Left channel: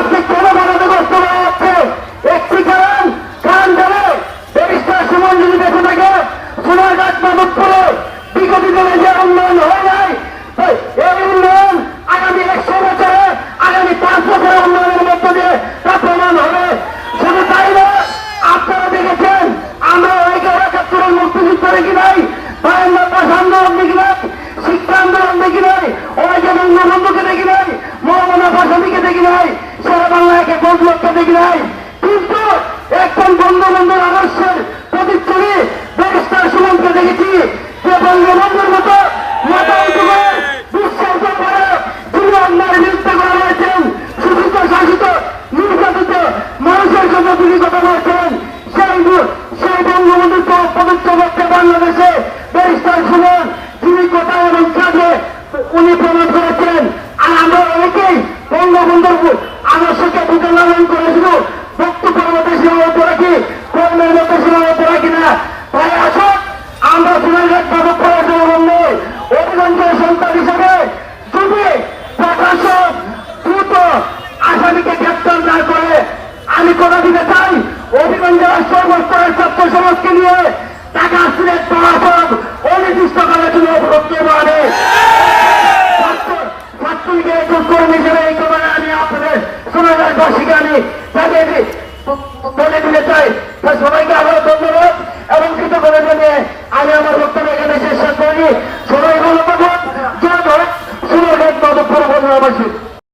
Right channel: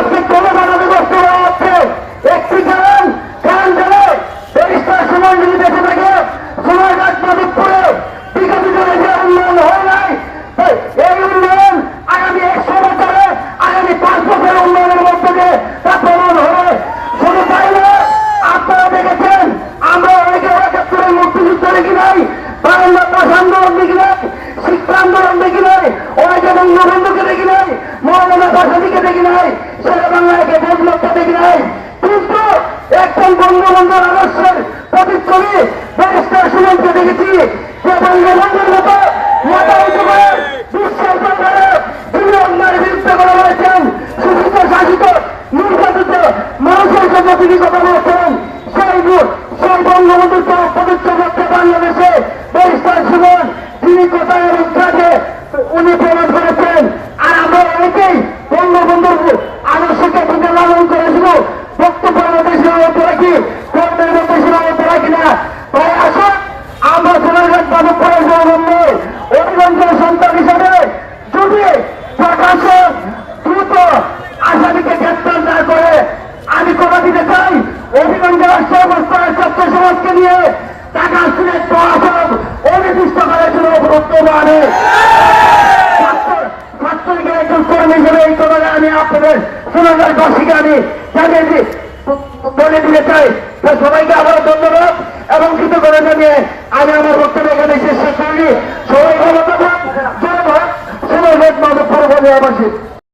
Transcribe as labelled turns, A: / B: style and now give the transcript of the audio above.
A: Traffic সময় যদি বেঁচে থাকে সময় ডাক্তার করে হয় নাই হ্যাঁ, এই উন্নয়ন হবে। দেখেছেন, আমরা অনেকে একাত্তরের দেখি নাই বারান্দাটা সামনে দেখি নাই, শিক্ষা আন্দোলন দেখি নাই, অনেকে বঙ্গবন্ধুকে দেখি নাই মোহাম্মদ আসাদিকে দেখি নাই সারা বাংলাকে বদলতে দেখি নাই। কিন্তু এখন বঙ্গবন্ধুর আদর্শের প্রতিচ্ছবি ব্যারিস্টার সুমনকে দেখেছি। যে বঙ্গবন্ধুর মতো মোটামুটি করে বিশ্বাস করে তিনি বিরুদ্ধে শাসিত নির্যাতিত মানুষের জন্য তিনি কথা বলেছেন। সেই সেই বঙ্গবন্ধুকে পবিত্র করতে বাংলাদেশে ব্যারিস্টার সুমন। প্রত্যাচার না করে আমি কথা দিতে চাই। অভিগঞ্জ রাষ্ট্রীয় ছাত্র সমাজকে নিয়ে টাকা সিলেট মহাসব অনির্দিষ্টকালের জন্য বক্তব্য আনে আমি সবাইকে আমার বক্তব্য এখানে সবাই ভালো থাকুন। জয়